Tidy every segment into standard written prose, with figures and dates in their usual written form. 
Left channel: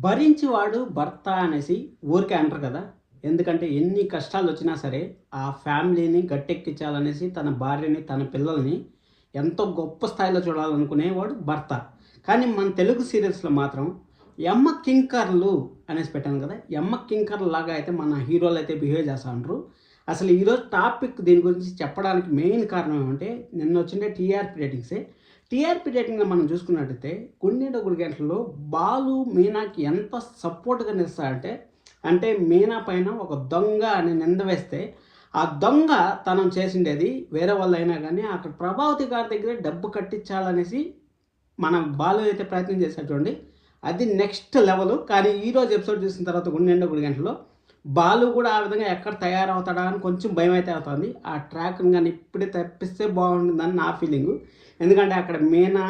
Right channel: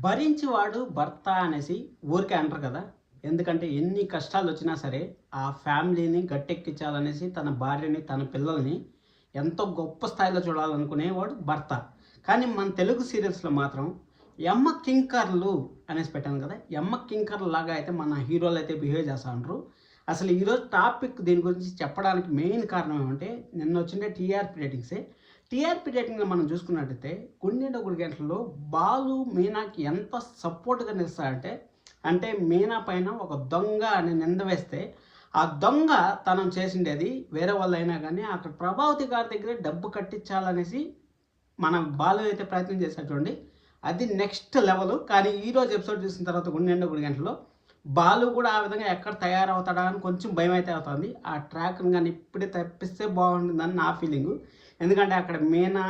భరించేవాడు భర్త అనేసి ఊరికే అంటారు కదా! ఎందుకంటే ఎన్ని కష్టాలొచ్చినా సరే, ఆ ఫ్యామిలీని గట్టెక్కించాలనేసి తన భార్యని, తన పిల్లల్ని ఎంతో గొప్ప స్థాయిలో చూడాలనుకునేవాడు భర్త. కానీ మన తెలుగు సీరియల్స్‌లో మాత్రం యమ్మ కింకర్లు అనేసి పెట్టాను కదా! యమ్మ కింకర్‌లాగా అయితే మన హీరోలైతే బిహేవ్ చేస్తా ఉంటరు. అసలు ఈరోజు టాపిక్ దీని గురించి చెప్పడానికి మెయిన్ కారణం ఏమంటే, నిన్నొచ్చిండే టీఆర్‌పీ రేటింగ్సే. టీఆర్‌పీ రేటింగ్‌లో మనం చూసుకున్నట్టయితే 'గుండెనిండా గుడి గంటల్లో' బాలు, మీనాకి ఎంత సపోర్ట్‌గా నిలుస్తాడంటే, అంటే మీనా పైన ఒక దొంగ అని నింద వేస్తే, ఆ దొంగ తనం చేసిండేది వేరే వాళ్ళైనా గానీ, అక్కడ ప్రభావతి గారి దగ్గరే డబ్బు కట్టించాలనేసి మన బాలు అయితే ప్రయత్నం చేశాడు చూడండి. అది నెక్స్ట్ లెవెలు. కానీ ఈరోజు ఎపిసోడ్ చూసిన తర్వాత 'గుండెనిండా గుడి గంటల్లో' బాలు కూడా ఆ విధంగా ఎక్కడ తయారవుతాడా అని కొంచెం భయమైతే అవుతుంది. ఆ ట్రాక్‌ని గాని ఇప్పుడే తప్పిస్తే బాగుంటుందని నా ఫీలింగు. ఎందుకంటే అక్కడ మీనా,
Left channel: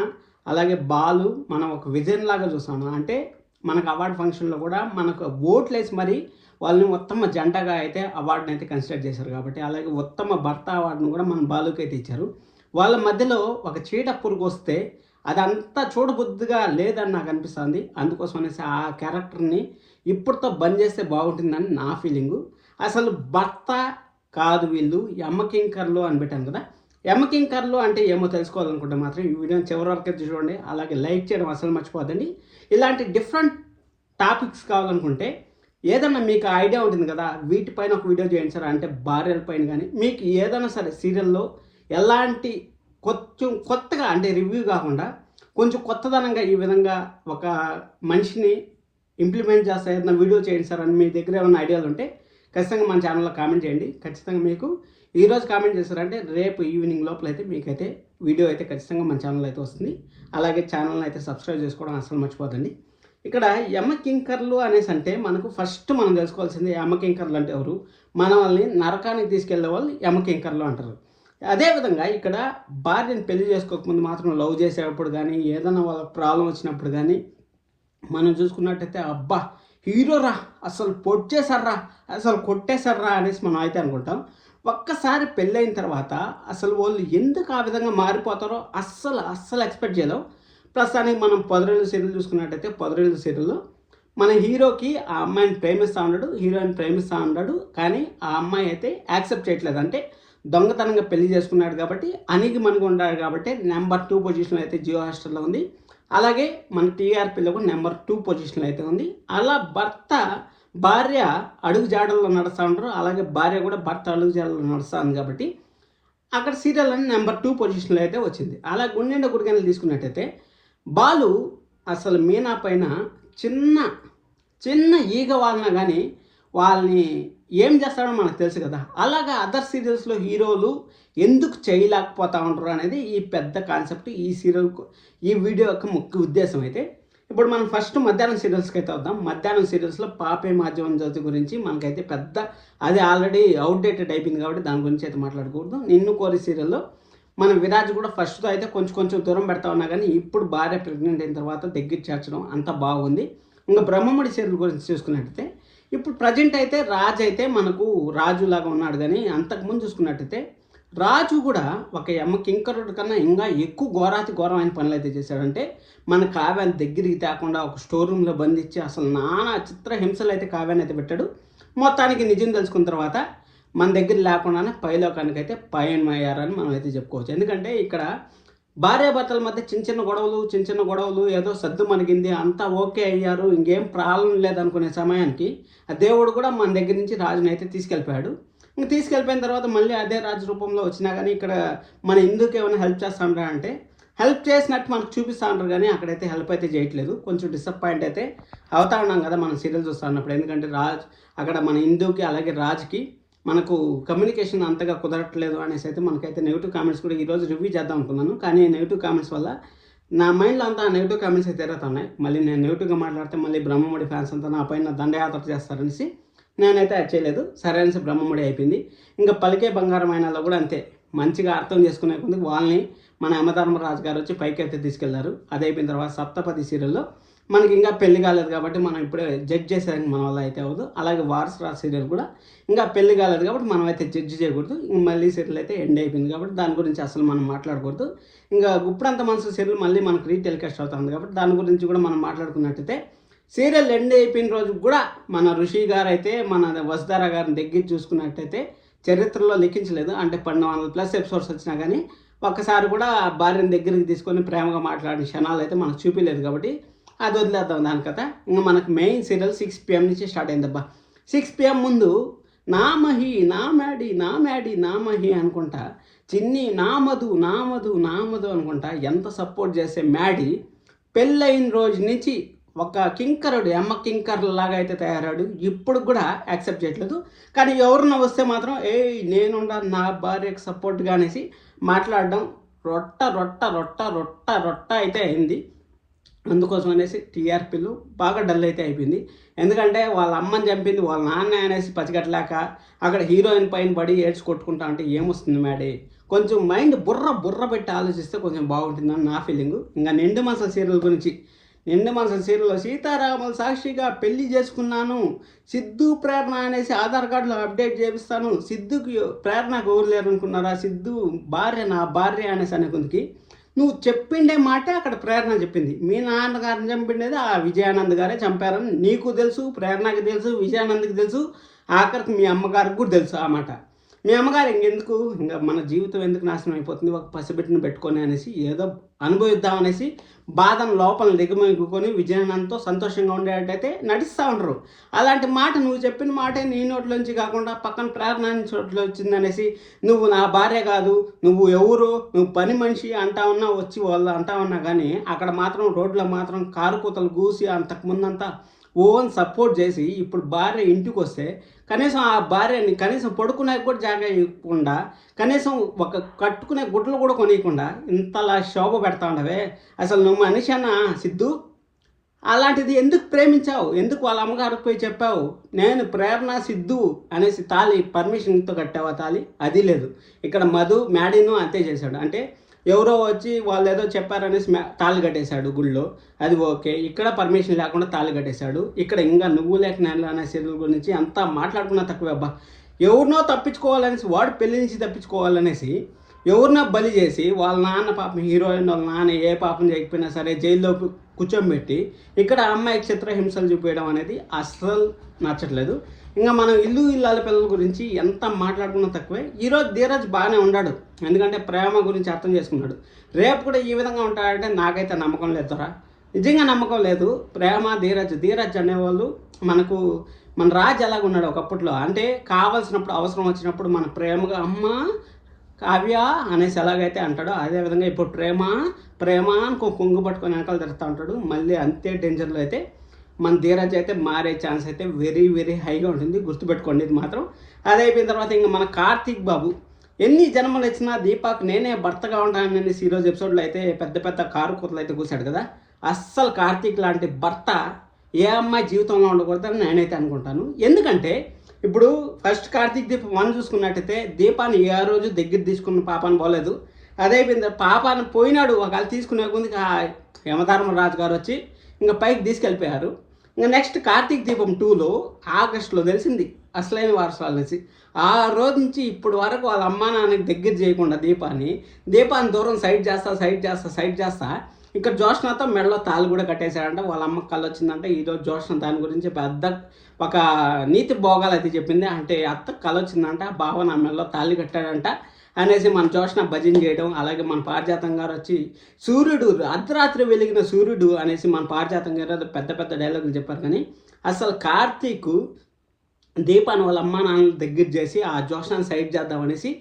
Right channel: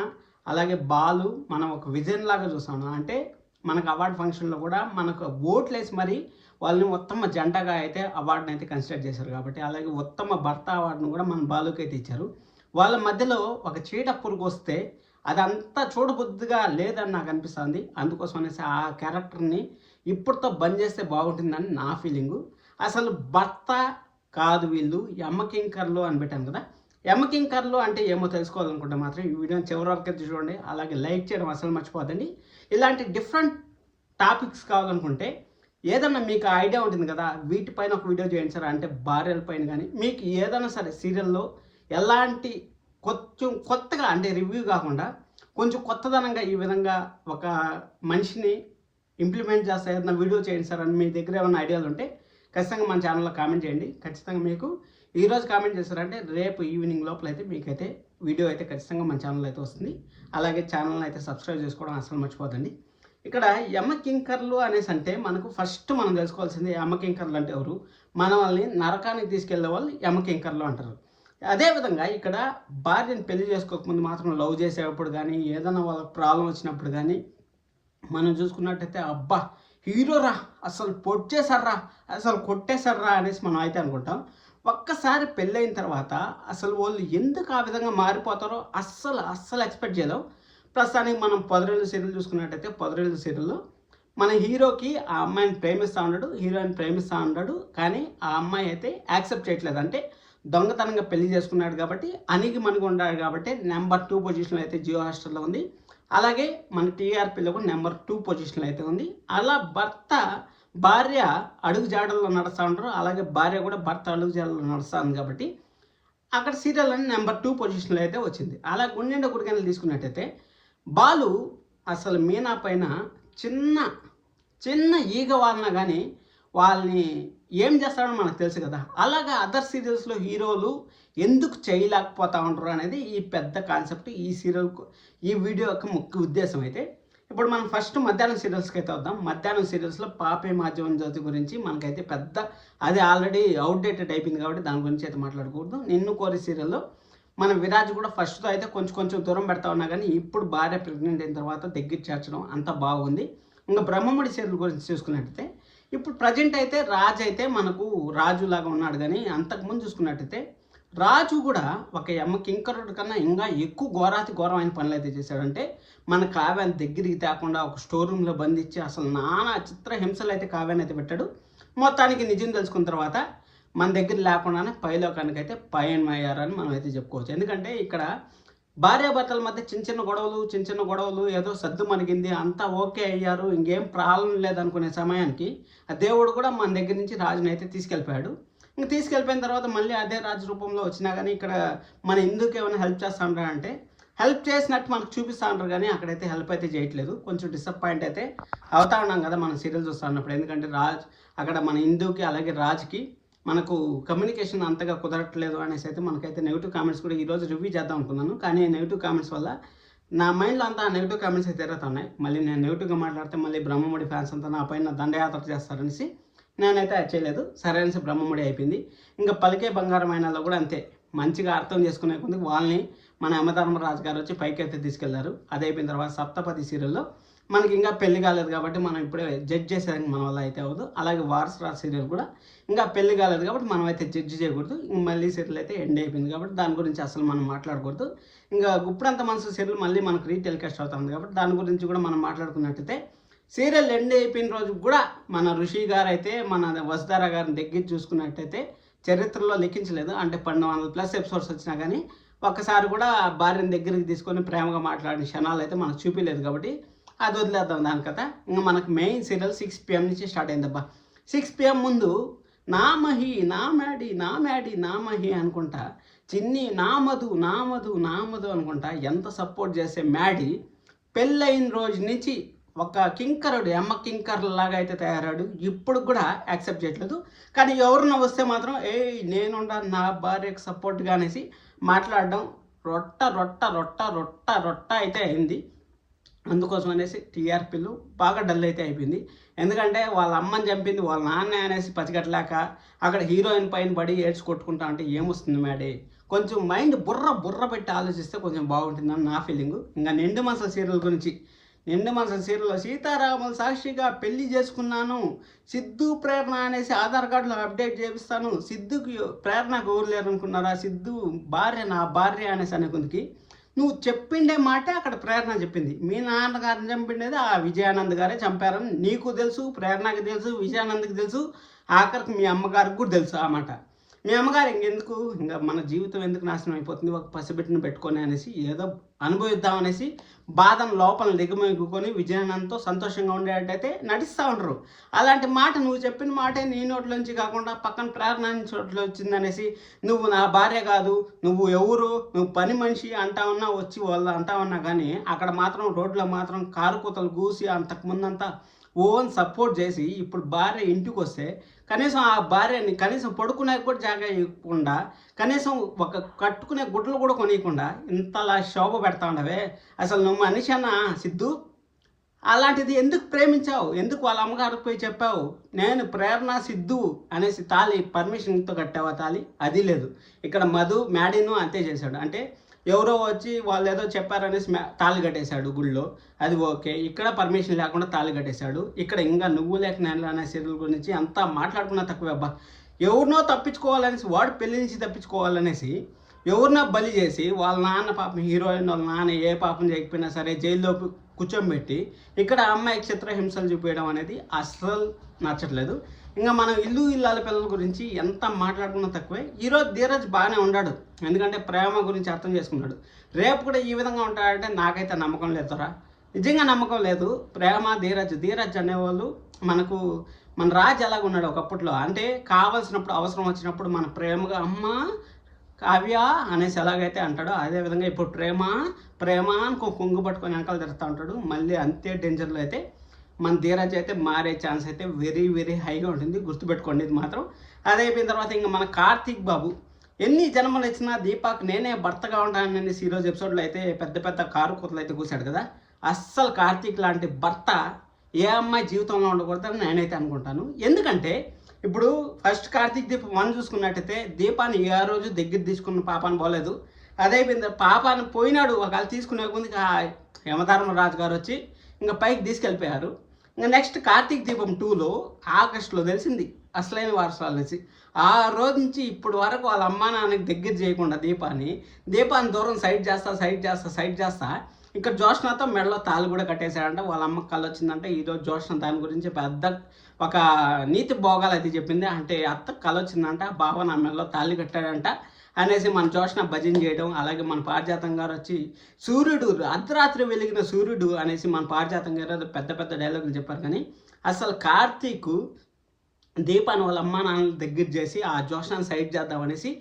అలాగే బాలు మనం ఒక విజన్‌లాగా చూసాము. అంటే మనకు అవార్డ్ ఫంక్షన్‌లో కూడా మనకు ఓట్లేసి మరి వాళ్ళని ఉత్తమ జంటగా అయితే అవార్డ్‌నైతే కన్సిడర్ చేశారు కాబట్టి, అలాగే ఉత్తమ భర్త అవార్డ్‌ను కూడా మన బాలుకైతే ఇచ్చారు. వాళ్ళ మధ్యలో ఒక చీట పురుగొస్తే అదంతా చూడబుద్దిగా లేదని నాకు అనిపిస్తుంది. అందుకోసం అనేసి ఆ క్యారెక్టర్‌ని ఇప్పటితో బంద్ చేస్తే బాగుంటుందని నా ఫీలింగు. అసలు భర్త కాదు వీళ్ళు యమకింకర్లు అని పెట్టాను కదా! యమకింకర్లు అంటే ఏమో తెలుసుకోవాలనుకుంటే మాత్రం ఈ వీడియోని చివరి వరకు చూడండి. అలాగే లైక్ చేయడం అస్సలు మర్చిపోవద్దండి. ఇలాంటి డిఫరెంట్ టాపిక్స్ కావాలనుకుంటే ఏదన్నా మీకు ఐడియా ఉంటుంది కదా! వీటిపైన ఒక వీడియో చేయండి సార్ అంటే భార్యల పైన గాని, మీకు ఏదైనా సరే సీరియల్‌లో ఎలాంటి కొంచెం కొత్తగా అంటే రివ్యూ కాకుండా కొంచెం కొత్తదనంగా ఈ విధంగా ఒక మనిషిని ఇంప్లిమెంట్ చేస్తా ఏదైనా వీడియో చేయండి సార్ అని మీ దగ్గర ఏమైనా ఐడియాలు ఉంటే ఖచ్చితంగా మన ఛానల్‌లో కామెంట్ చేయండి. ఖచ్చితంగా మీకు ఈరోజు కామెంట్ చేశారంటే రేపు ఈవినింగ్ లోపలైతే మీకైతే వీడియో అయితే ఖచ్చితంగా మన ఛానల్‌లో అయితే వస్తుంది. అలాగే ఛానల్‌ని అయితే సబ్స్క్రైబ్ చేసుకోవడం అస్సలు మర్చిపోద్దండి. ఇక్కడ యమ కింకర్లు అనేసి అంటే మనకు ఫస్ట్ మనం తెలుసుకోవాల్సింది యమ కింకర్లు అంటే ఎవరు? మనల్ని నరకానికి తీసుకెళ్ళే వాళ్ళు యమ కింకర్లు అంటారు. అదేవిధంగా ఇక్కడ భార్యని పెళ్లి చేసుకోకముందు మాత్రం లవ్ చేసేటప్పుడు గానీ, ఏదైనా వాళ్ళకి ప్రాబ్లమ్ వచ్చినప్పుడు గానీ, మనం చూసుకున్నట్టయితే అబ్బా! హీరోరా అసలు పొడిచేశార్రా, అసలు కొట్టేశార్రా అనేసి మనం అయితే అనుకుంటాం. ఒక్కసారి పెళ్ళైన తర్వాత అసలు వాళ్ళు ఎందుకు ఆ విధంగా మారిపోతారో అస్సలు ఎక్స్‌పెక్ట్ చేయలేం. ప్రస్తుతానికి మనం 'పొదరిల్లు' సీరియల్ చూసుకున్నట్టయితే 'పొదరిల్లు' సీరియల్‌లో మన హీరోకి ఆ అమ్మాయిని ప్రేమిస్తా ఉన్నాడు. హీరోయిన్ ప్రేమిస్తా ఉన్నాడు. కానీ ఆ అమ్మాయి అయితే యాక్సెప్ట్ చేయట్లేదు. అంటే దొంగతనంగా పెళ్లి చేసుకున్నాడు కాబట్టి, అణిగిమణిగి ఉన్నాడు కాబట్టి నంబర్ 2 పొజిషన్‌లో అయితే జియో హాట్‌స్టార్‌లో ఉంది. అలాగే మన టీఆర్‌పీలో కూడా నంబర్ 2 పొజిషన్‌లో అయితే ఉంది. అలా భార్య అడుగు జాడల్లో నడుస్తా ఉంటారు. అలాగే భార్య కూడా భర్త అడుగు జాడల్లో నడుస్తా ఉంది కాబట్టి, అక్కడ సీరియల్ అని నంబర్ 2 పొజిషన్‌లో అయితే వచ్చింది. అలా 'గుండెనిండా గుడిగంటలు' తీసుకున్నట్టయితే బాలు అసలు మీనా పైన చిన్న, చిన్న ఈగ వాలినా గానీ వాళ్ళని ఏం చేస్తాడో మనకు తెలుసు కదా! అలాగా అదర్ సీరియల్స్‌లో హీరోలు ఎందుకు చేయలేకపోతా ఉంటారు అనేది ఈ పెద్ద కాన్సెప్ట్. ఈ వీడియో యొక్క ముఖ్య ఉద్దేశ్యం అయితే. ఇప్పుడు మనం ఫస్ట్ మధ్యాహ్నం సీరియల్స్‌కైతే వద్దాం. మధ్యాహ్నం సీరియల్స్‌లో 'పాపే మాధ్యమం జ్యోతి' గురించి మనకైతే పెద్ద అది ఆల్రెడీ ఔట్‌డేటెడ్ అయిపోయింది కాబట్టి దాని గురించి అయితే మాట్లాడకూడదు. 'నిన్ను కోరి' సీరియల్‌లో మన విరాజ్ కూడా ఫస్ట్‌తో అయితే కొంచెం దూరం పెడతా ఉన్నా గానీ, ఇప్పుడు భార్య ప్రెగ్నెంట్ అయిన తర్వాత దగ్గర చేర్చడం అంతా బాగుంది. ఇంక 'బ్రహ్మముడి' సీరియల్ గురించి చూసుకున్నట్టయితే, ఇప్పుడు ప్రెజెంట్ అయితే రాజ్ అయితే మనకు రాజులాగా ఉన్నాడు గానీ, అంతకుముందు చూసుకున్నట్టయితే రాజు కూడా ఒక యమ కింకరుడి కన్నా ఇంకా ఎక్కువ ఘోరాతి ఘోరమైన పనులైతే చేశాడంటే, మన కావ్యాన్ని దగ్గరికి తేకుండా ఒక స్టోర్ రూమ్‌లో బంధించి అసలు నానా చిత్రహింసలైతే కావ్యాన్ని అయితే పెట్టాడు. మొత్తానికి నిజం తెలుసుకున్న తర్వాత మన దగ్గర లేకుండానే పైలోకానికైతే పయనమయ్యారని మనం అయితే చెప్పుకోవచ్చు. ఎందుకంటే ఇక్కడ భార్యాభర్తల మధ్య చిన్న చిన్న గొడవలు ఏదో సద్దుమణిగింది. అంతా ఓకే అయ్యారు. ఇంకేం ప్రాబ్లమ్ లేదనుకునే సమయానికి ఆ దేవుడు కూడా మన దగ్గర నుంచి రాజునైతే తీసుకెళ్ళిపోయాడు. ఇంక తీసుకెళ్ళిపోయిన తర్వాత మళ్ళీ అదే రాజు రూపంలో వచ్చినా గానీ ఇక్కడ మన హిందూకి ఏమైనా హెల్ప్ చేస్తా ఉంటారా అంటే, హెల్ప్ చేసినట్టు మనకు చూపిస్తా ఉంటారు గానీ అక్కడైతే హెల్ప్ అయితే చేయట్లేదు. కొంచెం డిసప్పాయింట్ అయితే అవుతా ఉన్నాం కదా మనం సీరియల్ చూస్తా ఉన్నప్పుడు. ఎందుకంటే అక్కడ మన హిందూకి అలాగే రాజుకి మనకు కమ్యూనికేషన్ అంతగా కుదరట్లేదు అనేసి అయితే మనకైతే నెగెటివ్ కామెంట్స్ కూడా ఈరోజు రివ్యూ చేద్దాం అనుకున్నాను. కానీ నెగెటివ్ కామెంట్స్ వల్ల నా మైండ్‌లో అంతా నెగెటివ్ కామెంట్స్ అయితే తిరుగుతున్నాయి. మళ్ళీ నేను నెగెటివ్‌గా మాట్లాడితే మళ్ళీ బ్రహ్మముడి ఫ్యాన్స్ అంతా నా పైన దండయాత్ర చేస్తారనేసి నేనైతే అది చేయలేదు. సరే అనేసి బ్రహ్మముడి అయిపోయింది. ఇంకా 'పలికే బంగారం అయినా'లో కూడా అంతే. మంచిగా అర్థం చేసుకునే కొద్ది వాళ్ళని మన యమధర్మరాజు గారు వచ్చి పైకైతే తీసుకెళ్లారు. అది అయిపోయిన తర్వాత 'సప్తపది' సీరియల్‌లో మనకి ఇంకా పెళ్లి కాలేదు కాబట్టి మనం ఇప్పుడే జడ్జ్ చేసేదానికి మన వల్ల అయితే అవ్వదు. అలాగే 'వారసురాజు' సీరియల్ కూడా ఇంకా పెళ్లి కాలేదు కాబట్టి మనం అయితే జడ్జ్ చేయకూడదు. ఇంక మళ్ళీ సీరియల్ అయితే ఎండ్ అయిపోయింది కాబట్టి దాని గురించి అసలు మనం మాట్లాడకూడదు. ఇంకా 'గుప్పుడంత మనసు' సీరియల్ మళ్ళీ మనకు రీటెలికాస్ట్ అవుతుంది కాబట్టి దాని గురించి కూడా మనం మాట్లాడుకున్నట్టయితే సీరియల్ ఎండ్ అయిపోయిన రోజు కూడా మన ఋషి గారు అయితే మన వసుధార గారిని దగ్గర చూసుకున్నట్టయితే చరిత్రలో లిఖించలేదు. అంటే 1200+ ఎపిసోడ్స్ వచ్చినా కానీ ఒక్కసారి కూడా భార్యను దగ్గరికి తీసుకొని ప్రేమగా మాట్లాడిన క్షణాలు అయితే మనకు చూపించలేదు. కాబట్టి అది వదిలేద్దాం దాని కథ. ఇంకా మనకు మెయిన్ సీరియల్ 6 PM నుంచి స్టార్ట్ అయిందబ్బా. 6 PM ముందు నా మహి, నా మ్యాడీ, నా మ్యాడీ, నా మహి అనుకుంటా, చిన్ని నా మధు, నా మధు, నా మధు అనుకుంటా ఎంత సపోర్ట్ చేసే మ్యాడీ పెళ్ళైన రోజు నుంచి ఒక కింకరుడు, ఎమ్మ కింకర్ లాగా అయితే తయారాడు. ఇప్పుడు కూడా యాక్సెప్ట్ చేయట్లేదు. కానీ ఎవరన్నా వస్తే మాత్రం నేనుండా నా భార్యకు సపోర్ట్గా అనేసి మాట్లాడడం రొట్ట రొట్ట రొట్ట రొట్ట రొట్ట అయితే అయింది. అందుకోసం అనేసి టీఆర్పీలు బాగా డల్ అయితే అయిపోయింది. ఎందుకంటే వాళ్ళ అమ్మని చంపింది వాళ్ళ నాన్న అనేసి పసిగట్టలేక అక్కడ హీరోయిన్ పైన పడి ఏడ్చి కొట్టుకుంటా అంటే ఏమొస్తుంది మేడే? కొంచెం మైండ్ బుర్ర పెట్టి ఆలోచిస్తే కొంచెం బాగుంటుందని నా ఫీలింగు. ఇంకా నిండు మనసుల సీరియల్ గురించి, నిండు మనసుల సీరియల్లో సీతారాములు సాక్షిగా పెళ్లి చేసుకున్నాను, సిద్ధు ప్రేరణ అనేసి ఆధార్ కార్డులో అప్డేట్ చేపిస్తాను, సిద్ధుకి ప్రేరణకు ఊరు లేరు అనుకున్నారా, సిద్ధు భార్య నా భార్య అనేసి అనుకుందికి నువ్వు చెప్పిండే మాటే అక్కడ ప్రేరణ చెప్పింది. మీ నాన్నగారిని చంపిండేది ఆ విజయానంద్ గారే చంపారని నీకు తెలుసు, ప్రేరణకి తెలుసు, విజయానంద్కి తెలుసు, ఆఖరికి మీ అమ్మగారికి కూడా తెలుసు ఆ మాట. మీ అమ్మగారు ఇంకెందుకు, ఇంకా మన జీవితం ఎందుకు నాశనం అయిపోతుంది ఒక పసిబిడ్డను పెట్టుకొని అనేసి ఏదో అనుభవిద్దామనేసి బాధను లోపల దిగమిగుకొని విజయానందంతో సంతోషంగా ఉండేటట్టయితే నటిస్తూ ఉండరు. అలాంటి మాట నువ్వు చెప్పిన మాటే నీ నోట్లోంచి కాకుండా పక్కన ప్రేరణ చోట్లో వచ్చిందనేసి నువ్వు నా భార్య కాదు, నువ్వు ఎవరు, నువ్వు పని మనిషి అంటా ఉన్నా, వచ్చి వాళ్ళు అంటా ఉన్నా కానీ అక్కడ మాత్రం రోడ్లో మాత్రం కారు కూతలు గూసి అంతకుముందంతా ఓన్ సపోర్ట్ చేసి ఇప్పుడు భార్య ఇంటికి వస్తే కనీసం ఆ భార్యని కనీసం పడుకునే కూడా జాగా ఇవ్వకుండా, కనీసం ఒక కట్టుకునే గుడ్లు కూడా కొనియకుండా ఇంతలా శోభ పెడతా ఉండవే. అసలు నువ్వు మనిషినా సిద్ధు? అలాంటిది ఎందుకు ప్రేమించావు? ఎందుకు వాళ్ళ అమ్మగారికి పోయి చెప్పావు నేను ప్రేరణ సిద్ధు అనేసి తాళి పర్మిషన్తో కట్టావా తాళి? అది లేదు. ఇక్కడ మధు మ్యాడీను అంతే చేశాడు. అంటే ఎవరో వచ్చి వాళ్ళు ఏదో చెప్పారనేసి తాళి కట్టేశాడు గుళ్ళో, అది ఓకే. ఇక్కడ పర్మిషన్ లేకుండా తాళి కట్టేశాడు. ఇక్కడ ఇంకా నువ్వు లేక నేను అనే సీరియల్ గురించి అంతా మాట్లాడుకున్నా తక్కువే అబ్బా. ఎవరినో తప్పించుకోవాలనేసి, వాడు పెళ్లి నుంచి తప్పించుకోవాలనేసి ఎవరినో బలి చేసి వాళ్ళ నాన్న పాపం హీరోయిన్ వాళ్ళ నాన్న ఏ పాపం చేయకపోయినా సరే జైల్లో కూర్చోబెట్టి ఇక్కడ అమ్మాయికి చిత్రహింసలు చూపించడం అనేది అస్సలు నచ్చట్లేదు. ఇంకా మనం ఇల్లాల పిల్లల గురించి ఎంత మాట్లాడుకున్నా తక్కువే. ఈరోజు ధీరజ్ బాగానే ఉన్నాడు, ఎందుకంటే ప్రేమ గురించి అర్థం చేసుకున్నాడు. రేపు కూడా ఈ విధంగా ఉంటాడంటే నాకైతే నమ్మకం లేదురా, నిజంగా నమ్మకం లేదు. ప్రేమ ధీరజ్ అనేవాళ్ళు మనకు మన రాజు ఎలాగ ఉన్నాడు ఒకప్పట్లో, అంటే కావాల్సినప్పుడు అవసరం వచ్చినప్పుడు మన ప్రేమగా అమ్మ కావ్య అనేసి ఎలాగైతే అంటాడో అదేవిధంగా ఇప్పుడు ప్రేమ అని కొంగు పట్టుకొని వెనకాల తిరుగుతూ ఉంటాడు. మళ్ళీ అంతే డేంజర్లో అయితే మన ధీరజ్ అయితే మారే ఛాన్స్ అయితే వెరీ వెరీ హైగా ఉంటుంది, గుర్తుపెట్టుకోండి ఇది మాత్రం. అది అయిపోయిన తర్వాత ఇంకా మన కార్తీక్ బాబు ఎన్ని జన్మలు ఇచ్చినా దీపాకు నేనే భర్తగా ఉంటానని ఈరోజు ఎపిసోడ్లో అయితే పెద్ద పెద్ద కారు కూతలు అయితే కూర్చాడు కదా. అస్సలు కార్తీక్ లాంటి భర్త ఏ అమ్మాయి జీవితంలో ఉండకూడదని నేనైతే అనుకుంటాను. ఎందుకంటే ఇప్పుడు ఫస్ట్ కార్తీక్ దీపం 1 చూసుకున్నట్టయితే దీపాన్ని ఏ రోజు దగ్గర తీసుకున్న పాపాన్ని పోలేదు. అదే అయిపోయింది పాపాన్ని పోయినాడు, ఒకవేళ తీసుకునే కొంది యమధర్మరాజు గారు వచ్చి ఇంకా పైకి తీసుకెళ్ళిపోయారు. ఇంకా నెక్స్ట్ కార్తీక్ దీపం 2లో ఆగస్టులో తెలిసింది అసలైన వారసురాలు అనేసి. ఆ రోజు నుంచి ఇప్పటి వరకు వాళ్ళ అమ్మా నాన్నకి దగ్గర చేయకుండా దీపాన్ని దూరం సైడ్ చేస్తా ఇక్కడ జోష్నతో మెడలో తాళ్ళు కూడా కట్టేశాడంట. వాళ్ళ అమ్మకి కళ్ళు వచ్చిందంటే ఈరోజు జోష్న దాని గురించి పెద్ద ఒక నీతి భోగాలు అయితే చెప్పింది. అంటే అత్త కళ్ళు వచ్చిందంట, బావ నా మెడలో తాళి కట్టాడంట అనేసి మన జోష్న భజన చేయడం. అలాగే మన పారిజాతం గారు వచ్చి సూర్యుడు అర్ధరాత్రి వెలిగిన సూర్యుడు అనేసి మన పారిజాతం గారు పెద్ద పెద్ద డైలాగులు చెప్పారు. కానీ అసలు కార్తీక్ దీపాన్ని వాళ్ళ అమ్మ నాన్నలు దగ్గర చేసి ఆ జోష్నాన్ని సైడ్ చేద్దామనేసి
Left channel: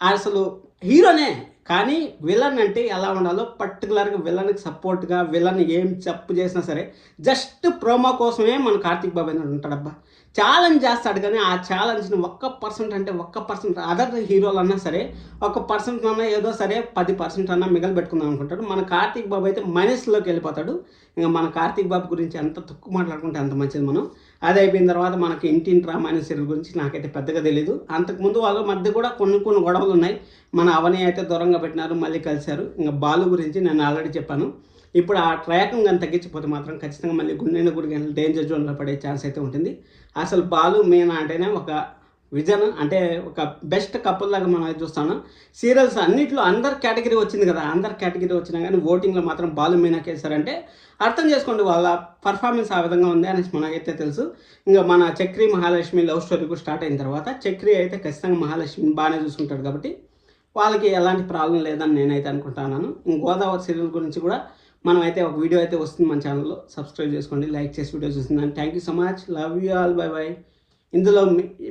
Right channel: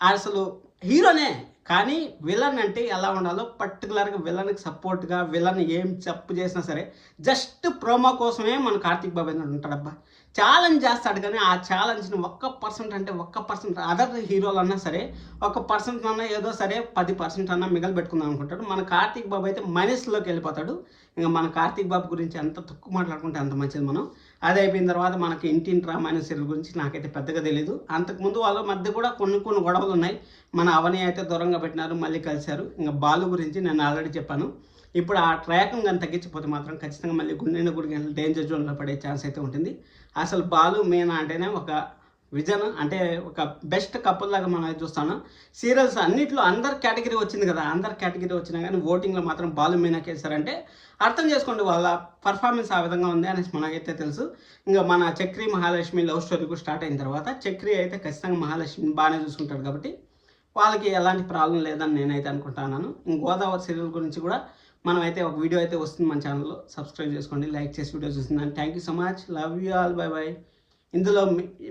అసలు హీరోనే, కానీ విలన్ అంటే ఎలా ఉండాలో పర్టికులర్గా విలన్కి సపోర్ట్గా విలన్ ఏం తప్పు చేసినా సరే జస్ట్ ప్రోమో కోసమే మన కార్తీక్ బాబు ఏంటంటే ఉంటాడబ్బా. ఛాలెంజ్ చేస్తాడు కానీ ఆ ఛాలెంజ్ని 1% అదర్ హీరోలు అన్నా సరే 1% అన్నా ఏదో సరే 10% అన్నా మిగలు పెట్టుకుందాం అనుకుంటాడు. మన కార్తీక్ బాబు అయితే మైనస్లోకి వెళ్ళిపోతాడు. ఇంకా మన కార్తీక్ బాబు గురించి ఎంత తక్కువ మాట్లాడుకుంటే అంత మంచిది మనం. అది అయిపోయిన తర్వాత మనకి ఇంటింటి రామాయణ సీరియల్ గురించి నాకైతే పెద్దగా తెలియదు. అంతకుముందు వాళ్ళ మధ్య కూడా కొన్ని గొడవలు ఉన్నాయి. మన అవని అయితే దూరంగా పెట్టినారు, మళ్ళీ కలిశారు. ఇంకా బాలు గురించి నేను ఆల్రెడీ చెప్పాను. ఇప్పుడు ఆ ట్రాక్ను కానీ తగ్గించిపోతే మాత్రం ఖచ్చితంగా మళ్ళీ గుండె గుడి డేంజర్ జోన్లో పడే ఛాన్స్ అయితే ఉంటుంది. అసలు బాలు మీనా అంటేనే ఒక విజన్ అంటే ఒక బెస్ట్ కపుల్ లాగా మనం అయితే చూస్తాను. సీరియల్స్ అన్నిట్లో అందరు కేటగిరీ వచ్చింది కదా! అందరు కేటగిరీ వచ్చినా గానీ ఓటింగ్‌లో మాత్రం బాలు మీనాకేశారంటే అర్థం చేసుకోండి వాళ్ళ పర్ఫార్మెన్స్ ఆ విధంగా ఉంది అనేసి మనకైతే తెలుసు. ఇంక మన చక్రి, మహాలక్ష్మి లవ్ స్టోరీ కూడా స్టార్ట్ అయిన తర్వాత చక్రి అయితే ఖచ్చితంగా మహాలక్ష్మిని బానే చూసుకుంటాడు కాబట్టి వాళ్ళకి ఎలాంటి ప్రాబ్లమ్ లేదని నేనైతే అనుకుంటున్నాను. గోదావరి సీరియల్ గురించి కూడా మనమైతే ఒక వీడియో అయితే వస్తుంది మన ఛానల్‌లో. సబ్స్క్రైబ్ చేసుకోండి, లైక్ చేసి వీడియో చూస్తుందని. Thank you so much. Love you all. Bye bye. ఇందులో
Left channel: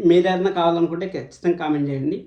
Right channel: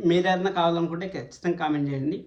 మీరేదైనా కావాలనుకుంటే ఖచ్చితంగా కామెంట్ చేయండి.